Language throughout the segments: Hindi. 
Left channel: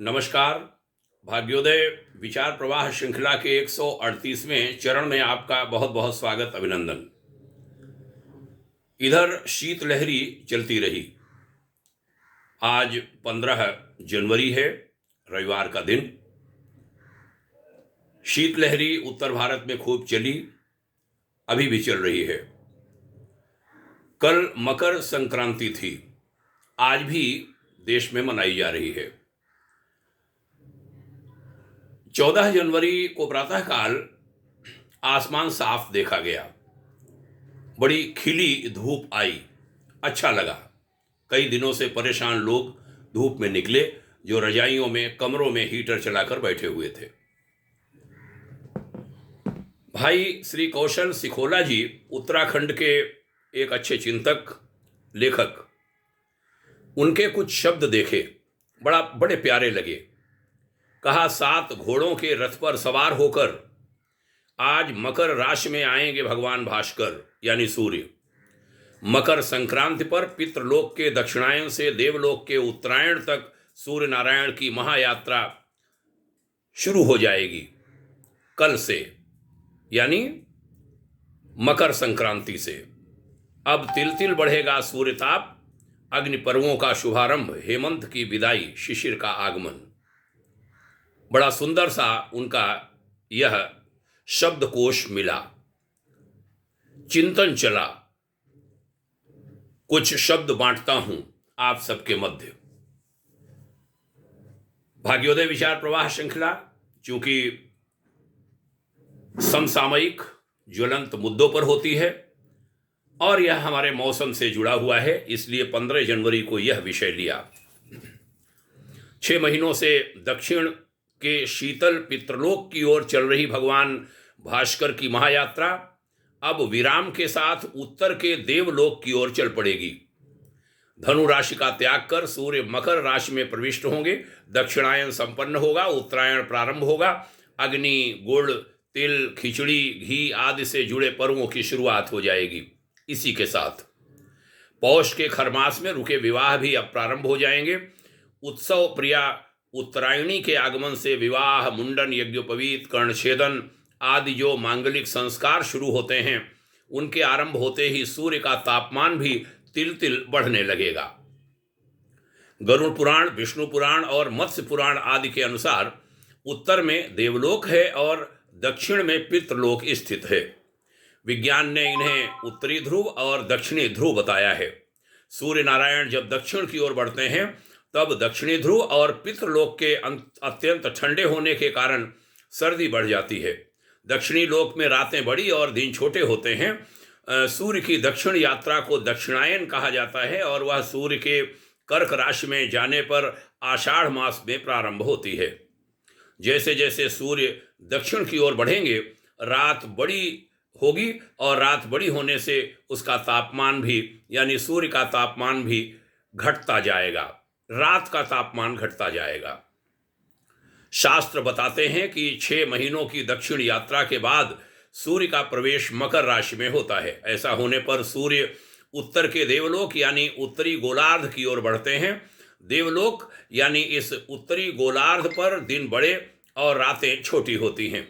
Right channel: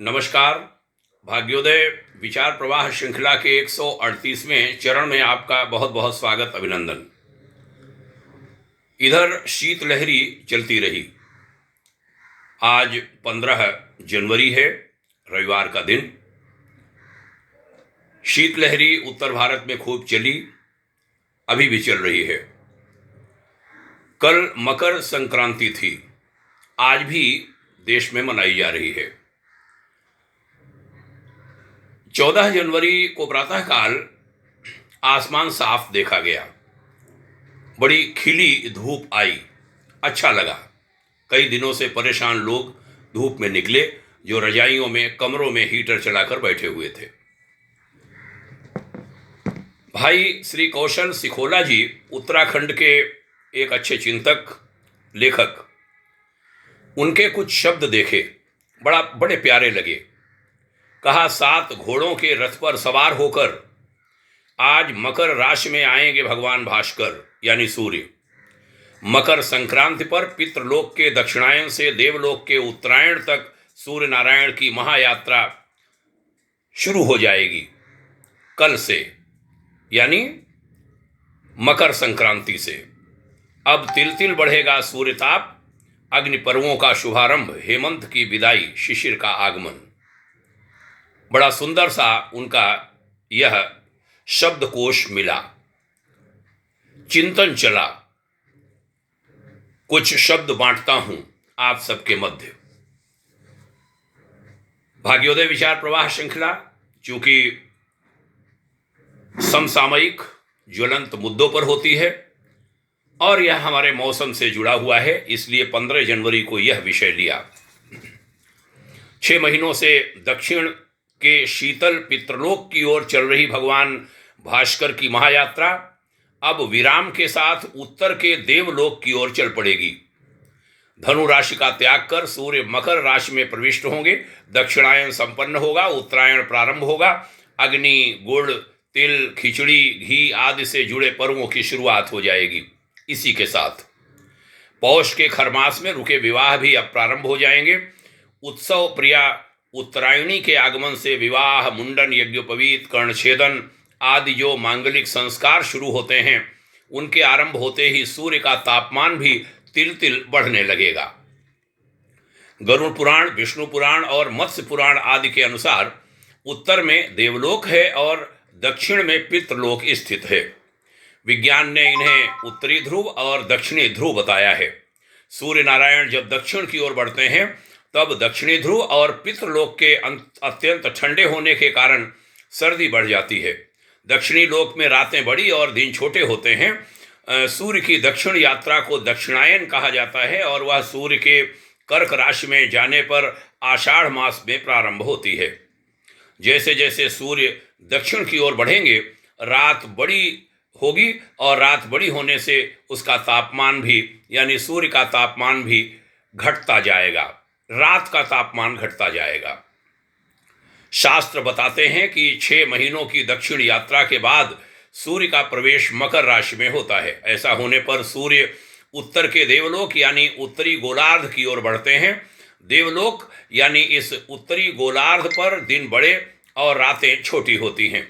नमस्कार। भाग्योदय विचार प्रवाह श्रृंखला के 138वें चरण में आपका बहुत बहुत स्वागत, अभिनंदन। इधर शीतलहरी चलती रही। आज 15 जनवरी है, रविवार का दिन। शीतलहरी उत्तर भारत में खूब चली, अभी भी चल रही है। कल मकर संक्रांति थी, आज भी देश में मनाई जा रही है। 14 जनवरी को प्रातःकाल आसमान साफ देखा गया, बड़ी खिली धूप आई, अच्छा लगा। कई दिनों से परेशान लोग धूप में निकले, जो रजाइयों में, कमरों में हीटर चलाकर बैठे हुए थे। भाई श्री कौशल सिखोला जी उत्तराखंड के एक अच्छे चिंतक, लेखक, उनके कुछ शब्द देखे, बड़े प्यारे लगे। कहा, 7 घोड़ों के रथ पर सवार होकर आज मकर राशि में आएंगे भगवान भास्कर यानी सूर्य। मकर संक्रांति पर पितृलोक के दक्षिणायन से देवलोक के उत्तरायण तक सूर्य नारायण की महायात्रा शुरू हो जाएगी कल से, यानी मकर संक्रांति से। अब तिल तिल बढ़ेगा सूर्यताप, अग्नि पर्वों का शुभारंभ, हेमंत की विदाई, शिशिर का आगमन। बड़ा सुंदर सा उनका यह शब्दकोश मिला, चिंतन चला। कुछ शब्द बांटता हूं आप सबके मध्य। भाग्योदय विचार प्रवाह श्रृंखला चूंकि समसामयिक ज्वलंत मुद्दों पर होती है और यह हमारे मौसम से जुड़ा हुआ है, इसलिए 15 जनवरी को यह विषय लिया। 6 महीनों से दक्षिण के शीतल पितृलोक की ओर चल रही भगवान भास्कर की महायात्रा अब विराम के साथ उत्तर के देवलोक की ओर चल पड़ेगी। धनु राशि का त्याग कर सूर्य मकर राशि में प्रविष्ट होंगे। दक्षिणायन संपन्न होगा, उत्तरायण प्रारंभ होगा। अग्नि, गुड़, तिल, खिचड़ी, घी आदि से जुड़े पर्वों की शुरुआत हो जाएगी। इसी के साथ पौष के खरमास में रुके विवाह भी अब प्रारंभ हो जाएंगे। उत्सव प्रिया उत्तरायणी के आगमन से विवाह, मुंडन, यज्ञोपवीत, कर्णछेदन आदि जो मांगलिक संस्कार शुरू होते हैं, उनके आरंभ होते ही सूर्य का तापमान भी तिल तिल बढ़ने लगेगा। गरुड़ पुराण, विष्णु पुराण और मत्स्य पुराण आदि के अनुसार उत्तर में देवलोक है और दक्षिण में पितृलोक स्थित है। विज्ञान ने इन्हें उत्तरी ध्रुव और दक्षिणी ध्रुव बताया है। सूर्य नारायण जब दक्षिण की ओर बढ़ते हैं तब दक्षिणी ध्रुव और पितृलोक के अत्यंत ठंडे होने के कारण सर्दी बढ़ जाती है। दक्षिणी लोक में रातें बड़ी और दिन छोटे होते हैं। सूर्य की दक्षिण यात्रा को दक्षिणायन कहा जाता है और वह सूर्य के कर्क राशि में जाने पर आषाढ़ मास में प्रारंभ होती है। जैसे जैसे सूर्य दक्षिण की ओर बढ़ेंगे, रात बड़ी होगी और रात बड़ी होने से उसका तापमान भी, यानी सूर्य का तापमान भी घटता जाएगा, रात का तापमान घटता जाएगा। शास्त्र बताते हैं कि 6 महीनों की दक्षिण यात्रा के बाद सूर्य का प्रवेश मकर राशि में होता है। ऐसा होने पर सूर्य उत्तर के देवलोक यानी उत्तरी गोलार्ध की ओर बढ़ते हैं। देवलोक यानी इस उत्तरी गोलार्ध पर दिन बड़े और रातें छोटी होती हैं।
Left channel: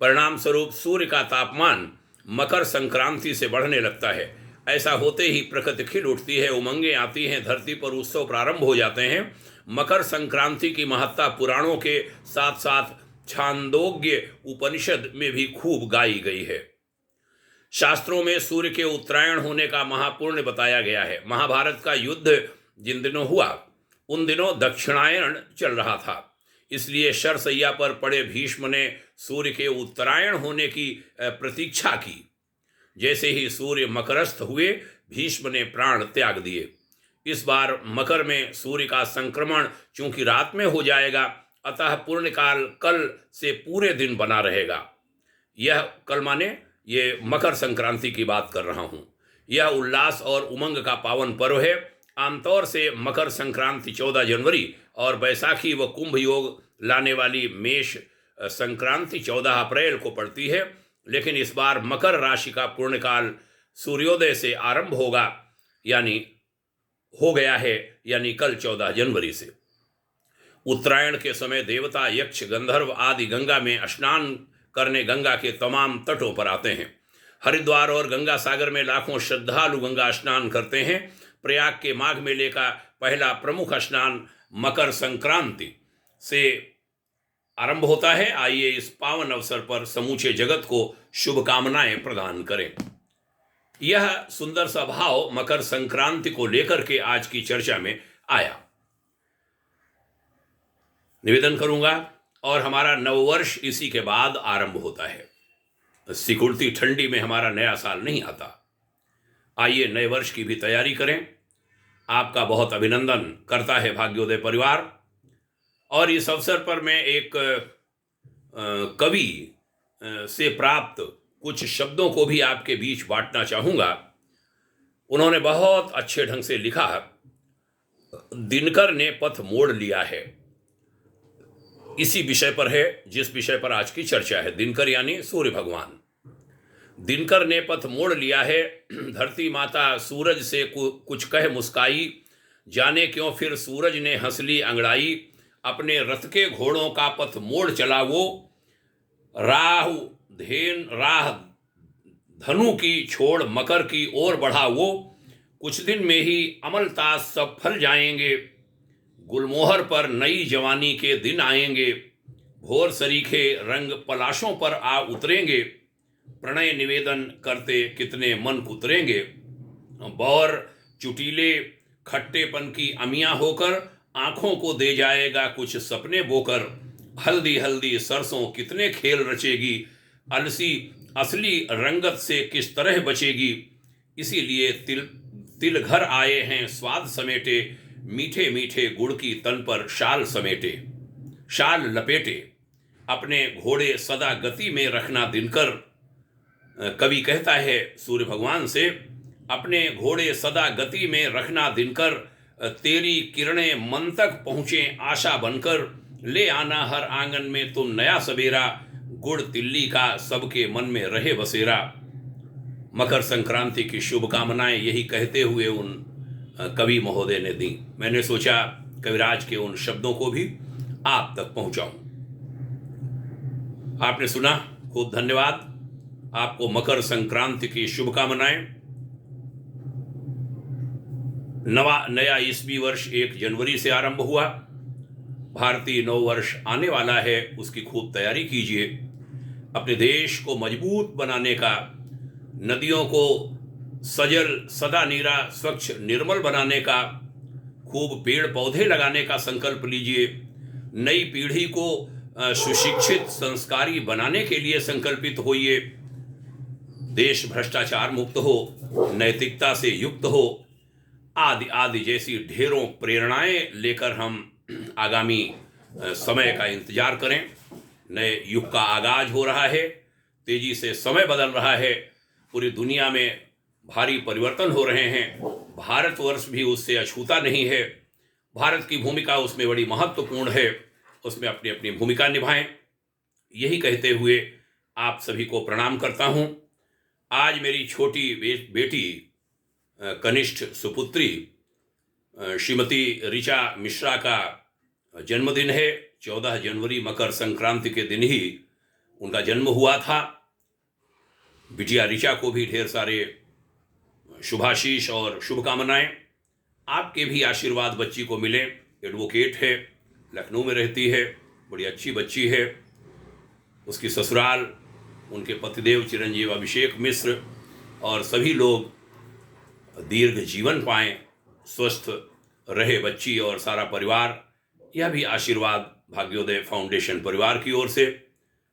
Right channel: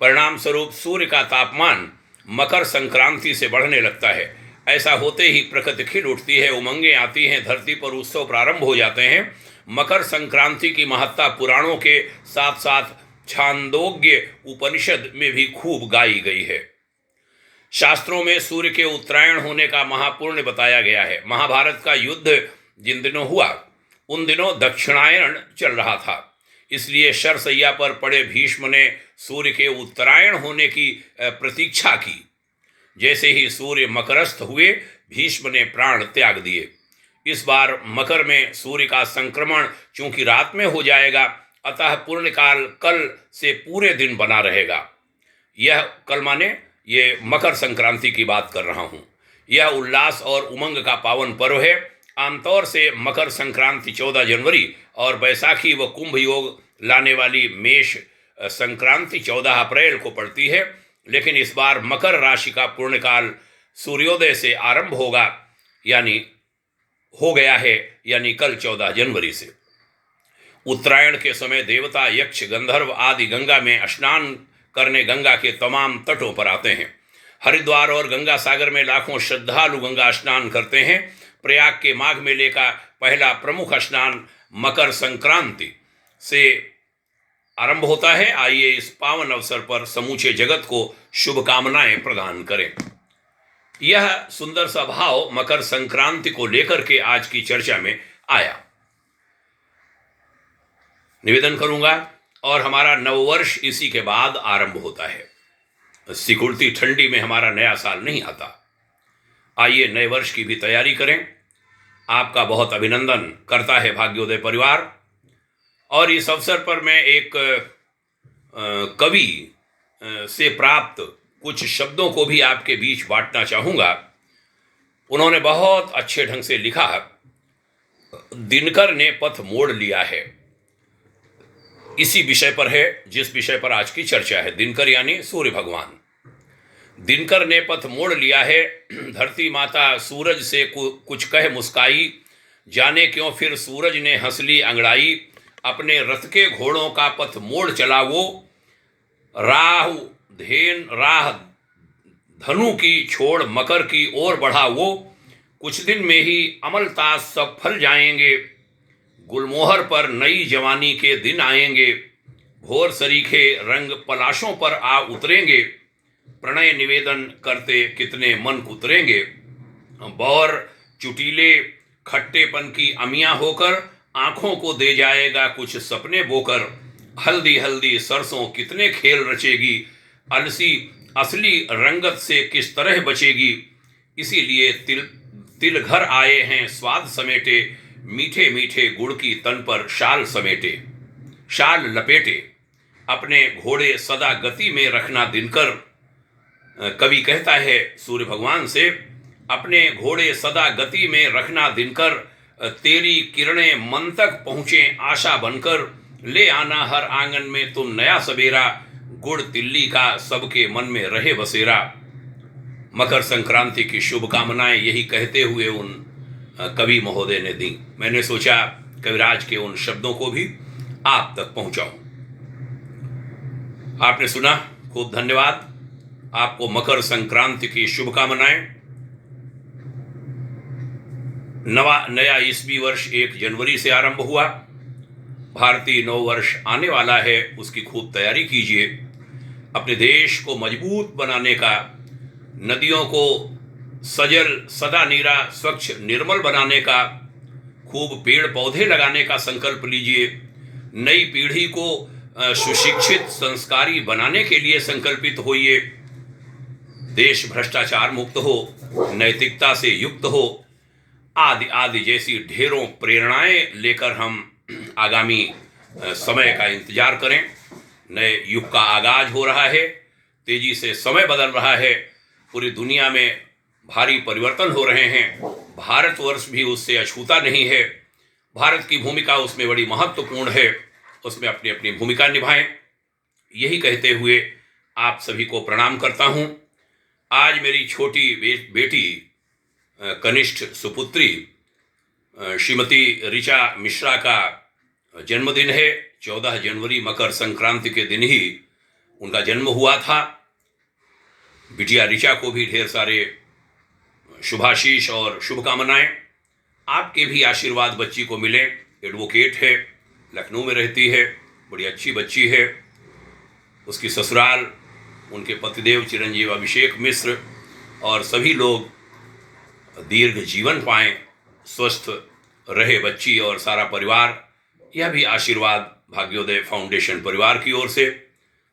परिणाम स्वरूप सूर्य का तापमान मकर संक्रांति से बढ़ने लगता है। ऐसा होते ही प्रकृति खिल उठती है, उमंगें आती हैं, धरती पर उत्सव प्रारंभ हो जाते हैं। मकर संक्रांति की महत्ता पुराणों के साथ साथ छांदोग्य उपनिषद में भी खूब गाई गई है। शास्त्रों में सूर्य के उत्तरायण होने का महापुण्य बताया गया है। महाभारत का युद्ध जिन दिनों हुआ उन दिनों दक्षिणायन चल रहा था, इसलिए शरशैया पर पड़े भीष्म ने सूर्य के उत्तरायण होने की प्रतीक्षा की। जैसे ही सूर्य मकरस्थ हुए, भीष्म ने प्राण त्याग दिए। इस बार मकर में सूर्य का संक्रमण चूंकि रात में हो जाएगा, अतः पूर्णकाल कल से पूरे दिन बना रहेगा। यह कल माने ये मकर संक्रांति की बात कर रहा हूँ। यह उल्लास और उमंग का पावन पर्व है। आमतौर से मकर संक्रांति 14 जनवरी और बैसाखी व कुंभ योग लाने वाली मेष संक्रांति 14 अप्रैल को पड़ती है, लेकिन इस बार मकर राशि का पूर्णकाल सूर्योदय से आरंभ होगा, यानी हो गया है, यानी कल 14 जनवरी से। उत्तरायण के समय देवता, यक्ष, गंधर्व आदि गंगा में स्नान करने गंगा के तमाम तटों पर आते हैं। हरिद्वार और गंगा सागर में लाखों श्रद्धालु गंगा स्नान करते हैं। प्रयाग के माघ मेले का पहला प्रमुख स्नान मकर संक्रांति से आरंभ होता है। आइए इस पावन अवसर पर समूचे जगत को शुभकामनाएं प्रदान करें। यह सुंदर सा भाव मकर संक्रांति को लेकर के आज की चर्चा में आया। निवेदन करूंगा, और हमारा नववर्ष इसी के बाद आरंभ होता है। सिकुड़ती ठंडी में हमारा नया साल नहीं आता। आइए नए वर्ष की भी तैयारी करें। आपका बहुत अभिनंदन करता है भाग्योदय परिवार। और इस अवसर पर मैं एक कवि से प्राप्त कुछ शब्दों को भी आपके बीच बांटना चाहूँगा। उन्होंने बहुत अच्छे ढंग से लिखा, दिनकर ने पथ मोड़ लिया है। इसी विषय पर है जिस विषय पर आज की चर्चा है। दिनकर यानी सूर्य भगवान। दिनकर ने पथ मोड़ लिया है, धरती माता सूरज से कुछ कह मुस्काई, जाने क्यों फिर सूरज ने हंस ली अंगड़ाई, अपने रथ के घोड़ों का पथ मोड़ चला वो, राह धनु की छोड़ मकर की ओर बढ़ा वो, कुछ दिन में ही अमलतास सब फल जाएंगे, गुलमोहर पर नई जवानी के दिन आएंगे, भोर सरीखे रंग पलाशों पर आ उतरेंगे, प्रणय निवेदन करते कितने मन कुतरेंगे, बौर चुटीले खट्टेपन की अमियां होकर आंखों को दे जाएगा कुछ सपने बोकर, हल्दी हल्दी सरसों कितने खेल रचेगी, अलसी असली रंगत से किस तरह बचेगी, इसीलिए तिल घर आए हैं स्वाद समेटे, मीठे मीठे गुड़ की तन पर शाल समेटे, शाल लपेटे, अपने घोड़े सदा गति में रखना दिनकर। कवि कहता है सूर्य भगवान से, अपने घोड़े सदा गति में रखना दिनकर, तेरी किरणें मन तक पहुँचे आशा बनकर, ले आना हर आंगन में तुम नया सवेरा, गुड़ तिल्ली का सबके मन में रहे बसेरा। मकर संक्रांति की शुभकामनाएं यही कहते हुए उन कवि महोदय ने दी। मैंने सोचा कविराज के उन शब्दों को भी आप तक पहुंचाऊं। आपने सुना, खूब धन्यवाद। आपको मकर संक्रांति की शुभकामनाएं। नया ईस्वी वर्ष 1 जनवरी से आरंभ हुआ। भारतीय नव वर्ष आने वाला है, उसकी खूब तैयारी कीजिए। अपने देश को मजबूत बनाने का, नदियों को सजल सदा नीरा स्वच्छ निर्मल बनाने का, खूब पेड़ पौधे लगाने का संकल्प लीजिए। नई पीढ़ी को सुशिक्षित संस्कारी बनाने के लिए संकल्पित होइए। देश भ्रष्टाचार मुक्त हो, नैतिकता से युक्त हो, आदि आदि जैसी ढेरों प्रेरणाएं लेकर हम आगामी समय का इंतजार करें। नए युग का आगाज हो रहा है, तेजी से समय बदल रहा है, पूरी दुनिया में भारी परिवर्तन हो रहे हैं। भारतवर्ष भी उससे अछूता नहीं है। भारत की भूमिका उसमें बड़ी महत्वपूर्ण है, उसमें अपनी अपनी भूमिका निभाएं। यही कहते हुए आप सभी को प्रणाम करता हूं। आज मेरी छोटी बेटी कनिष्ठ सुपुत्री श्रीमती ऋचा मिश्रा का जन्मदिन है। 14 जनवरी मकर संक्रांति के दिन ही उनका जन्म हुआ था। बिटिया ऋचा को भी ढेर सारे शुभाशीष और शुभकामनाएं। आपके भी आशीर्वाद बच्ची को मिले। एडवोकेट है, लखनऊ में रहती है, बड़ी अच्छी बच्ची है। उसकी ससुराल, उनके पतिदेव चिरंजीव अभिषेक मिश्र और सभी लोग दीर्घ जीवन पाएं, स्वस्थ रहे बच्ची और सारा परिवार। यह भी आशीर्वाद भाग्योदय फाउंडेशन परिवार की ओर से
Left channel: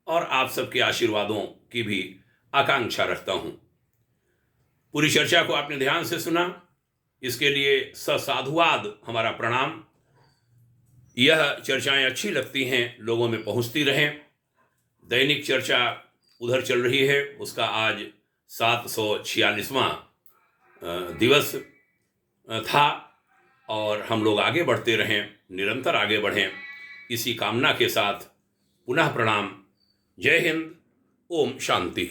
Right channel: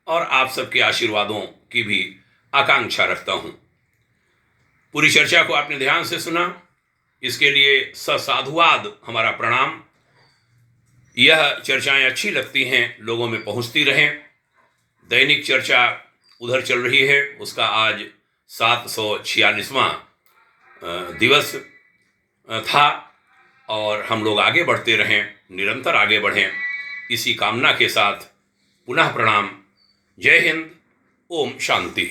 और आप सबके आशीर्वादों की भी आकांक्षा रखता हूं। पूरी चर्चा को आपने ध्यान से सुना, इसके लिए ससाधुवाद हमारा प्रणाम। यह चर्चाएं अच्छी लगती हैं, लोगों में पहुंचती रहें। दैनिक चर्चा उधर चल रही है, उसका आज 746वां दिवस था और हम लोग आगे बढ़ते रहें, निरंतर आगे बढ़ें, इसी कामना के साथ पुनः प्रणाम। जय हिंद। ओम शांति।